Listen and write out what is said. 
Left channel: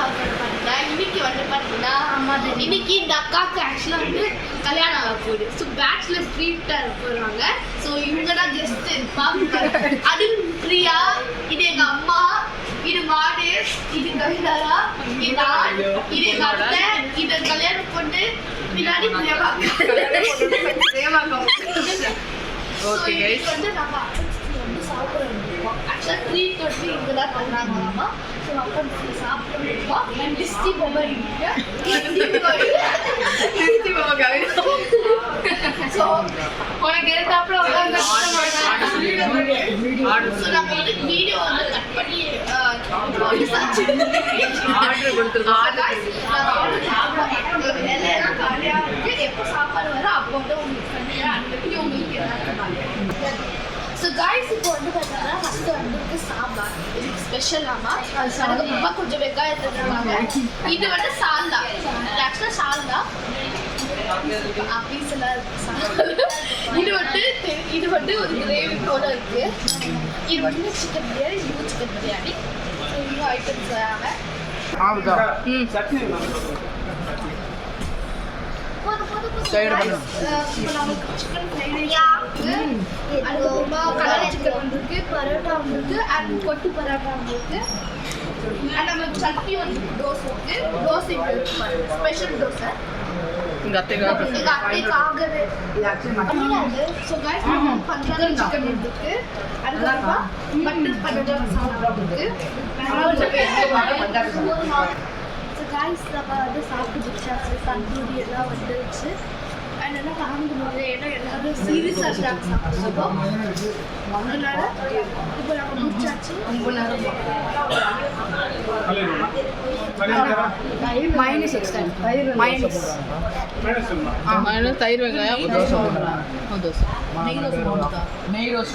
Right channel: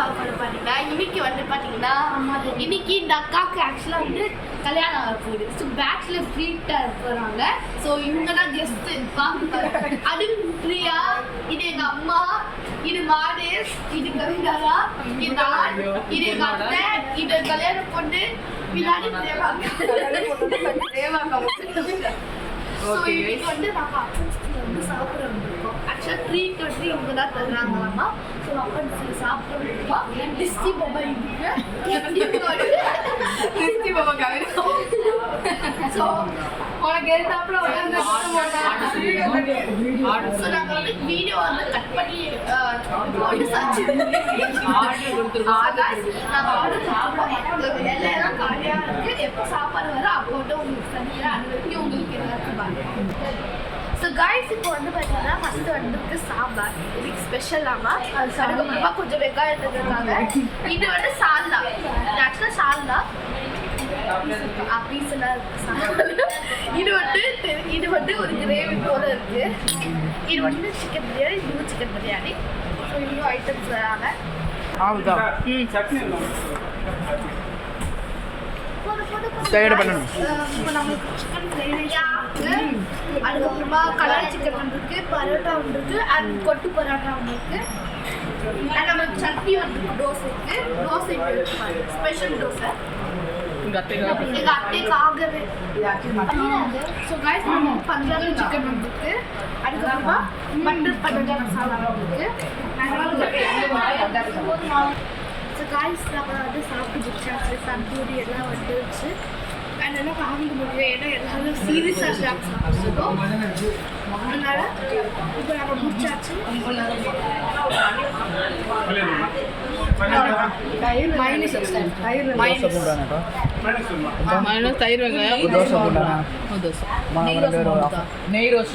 பாத்தீங்கன்னா இன்னைக்கு வந்து பாத்தீங்கன்னா இன்னைக்கு இந்த அக்காவுக்கு ஆக்சுவலா வந்து கல்யாணம் ஆக போகுது. ஸோ பேச்சுலர் ட்ரீட்டா போறாங்க. ஸோ இவங்க தான் கெஸ்ட் பாக்குறாங்க. அது பிரியா, இது எங்க அம்மா, இது மாடேஷ், இது கவிதாரா, இது நான், இது எங்க அத்தை, இது கல்யாணம் பொண்ணு, பின்னாடி வந்து நம்ம அப்பன்ஸ்க்கு வந்து சாப்பிட வந்திருக்கோம். ஆக்சுவலாக ட்ரீட் வந்து இவங்க தான் தருறாங்களாமா. ஸோ அப்பன்ஸ்க்கு சாப்பிட வந்திருக்கோம். டிஸ்டி மொபைல் ஸோ உனக்கு எடுத்தாப்புல வந்து நாங்கள் வந்து வீடியோ வந்து கட் பண்ணி எல்லாம் காலியாக இருக்கு. எப்போ சாப்பாடு வரும் அப்போ வந்து உங்களுக்கு தனியாக அனுப்பி உங்களுக்கு எல்லாருக்கும். ஸோ காய்ஸ் இப்போ வந்து பார்த்தீங்கன்னா ஃபஸ்ட்டு வந்து சாம்பார் இதுக்கு ஸ்பெஷலாமா. அதுக்கப்புறமா கொஞ்சம் வெங்காயம் தந்துருக்காங்க. இது வந்து சால்னா, ஆக்சுவலாக சால்னா பீஸெல்லாம் இருக்கு. இது வந்து ஒரு கிரேவி போல இருக்கு. இது வந்து சிக்கன் பிரியாணி, இதுவும் சிக்கன் பிரியாணி. ஸோ இன்னும் ஐட்டம்ஸ் வராங்க. இப்போ நம்மளுக்கு சிக்கன் ஃப்ரைட் ரைஸ், அதுக்கப்புறமா கலர் சிக்கன் வந்துருக்கு, பரோட்டா வந்துருக்கு, அண்ட் கொட்டு பரோட்டா வந்துருக்கு, அண்ட் நம்மளுக்கு சட்னி வந்து தோசை இருக்கு. தோசை ஸ்பெஷல் தோசை எங்கள் அத்தைக்காகவே. ஸோ காய்ஸ் நம்ம பஞ்சாபி சிக்கன் வந்துருக்கு. அதுக்கப்புறமா பட்டர் பரோட்டா மசாலா வந்துருக்கு. ஸோ காய்ஸ் நம்ம வந்து சாப்பிட்டு முடிச்சாச்சு. தந்தூரி எல்லாம் வந்துருச்சு. அண்ட் என்ன காமிக்க முடியல, ஏன்னா எல்லாரும் சீரியஸாக இருந்தாங்க சாப்பிடுவோம். அதனால இப்போ நம்ம முடிச்சாச்சு. மைனஸ் தயிர் வெங்காயம் நெய் ரோஸ்